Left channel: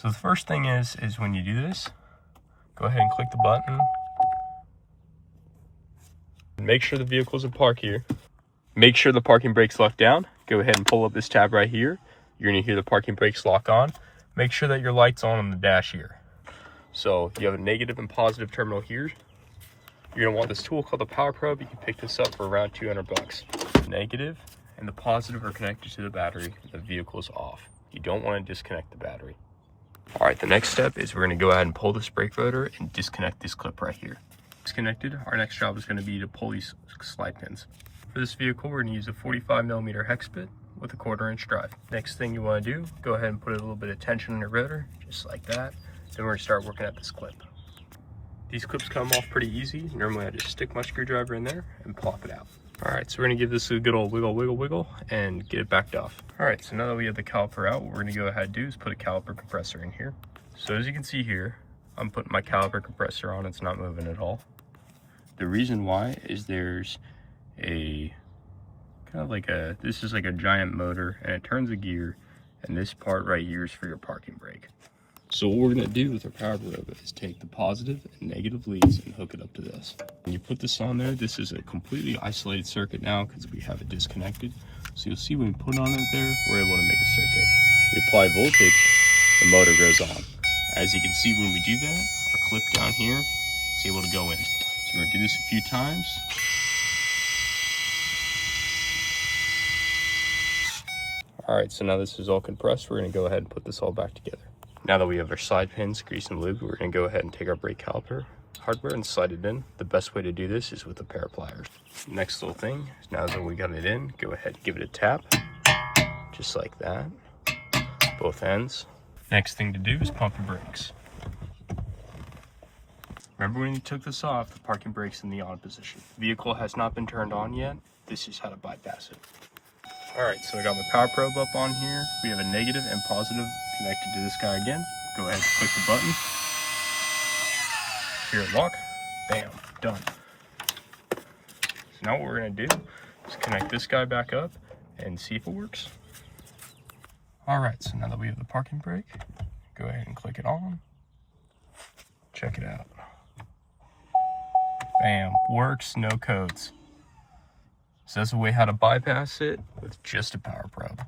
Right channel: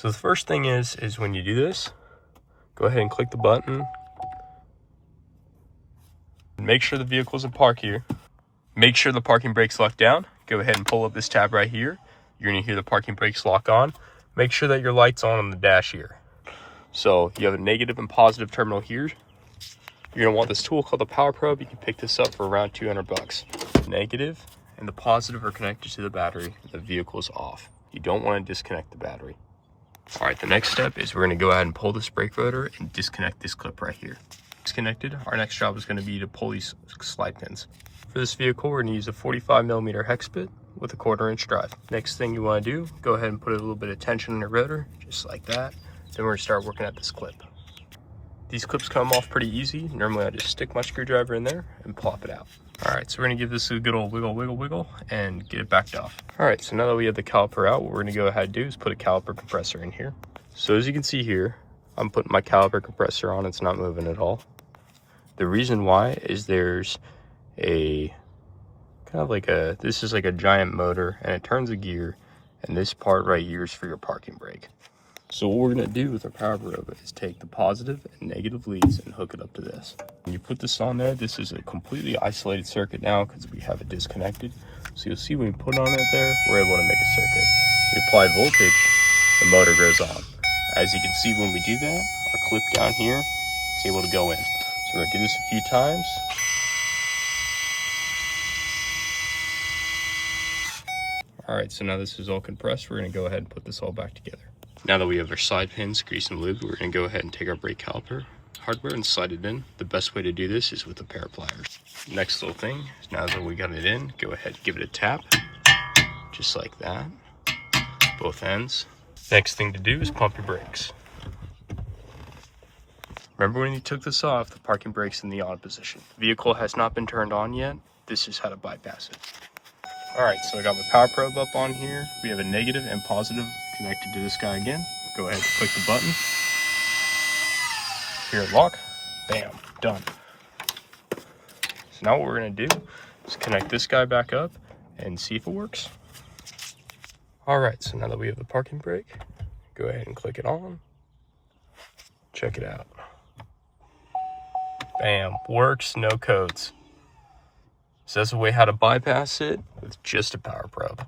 So the first thing is when you do this, go ahead and click the button. Make sure the vehicle's in park here. Make sure the parking brake's locked down. Go ahead and pull up this tab right here. You're gonna hear the parking brakes lock on. Make sure that your light's on the dash here. So you have a negative and positive terminal here. You're gonna want this tool called the Power Probe. You can pick this up for around 200 bucks. Negative and the positive are connected to the battery. The vehicle's off. You don't want to disconnect the battery. All right, the next step is we're gonna go ahead and pull this brake rotor and disconnect this clip right here. Disconnected, our next job is gonna be to pull these slide pins. For this vehicle, we're gonna use a 45mm hex bit with a 1/4" drive. Next thing you wanna do, go ahead and put a little bit of tension in the rotor, just like that. Then we're gonna start working at this clip. These clips come off pretty easy. Normally I just stick my screwdriver in there and plop it out. All right, so we're gonna give this a good old wiggle, wiggle, wiggle, and get it backed off. All right, so now that we have the caliper out, what we're gonna go ahead and do is put a caliper compressor in here. So as you can see here, I'm putting my caliper compressor on, it's not moving at all. The reason why is there's a kind of like this is like a giant motor and it turns a gear, and this part right here is for your parking brake. So what we're gonna do with our Power Probe is take the positive and negative leads and hook it up to this. When you put this on there, this is a completely isolated circuit now because we have it disconnected. So you'll see when we put on it there, we're able to make a circuit. We apply voltage, the motor goes on. As you can see when we do that, our clip down here is able to go in. So we're gonna do this a few times. All right, so now this is all compressed. We're gonna go ahead and put this all back together. Now that we have our side pins greased and lubed, we're gonna go ahead and take our brake caliper hardware and slide it in. The best way to do this is with a pair of pliers. Next little thing is now that we got it in, go ahead and give it a tap, just like that, both ends. Next thing to do is pump your brakes. Remember when you took this off, the parking brake's in the on position. The vehicle has not been turned on yet. This is how to bypass it. All right, so I got my Power Probe up on here. We have a negative and positive connected to this guy again. Go ahead and click the button. Hear it lock. Bam, done. So now what we're gonna do is connect this guy back up and see if it works. All right, so now that we have the parking brake, go ahead and click it on. Check it out. Bam, works, no codes. So that's a way how to bypass it with just a Power Probe.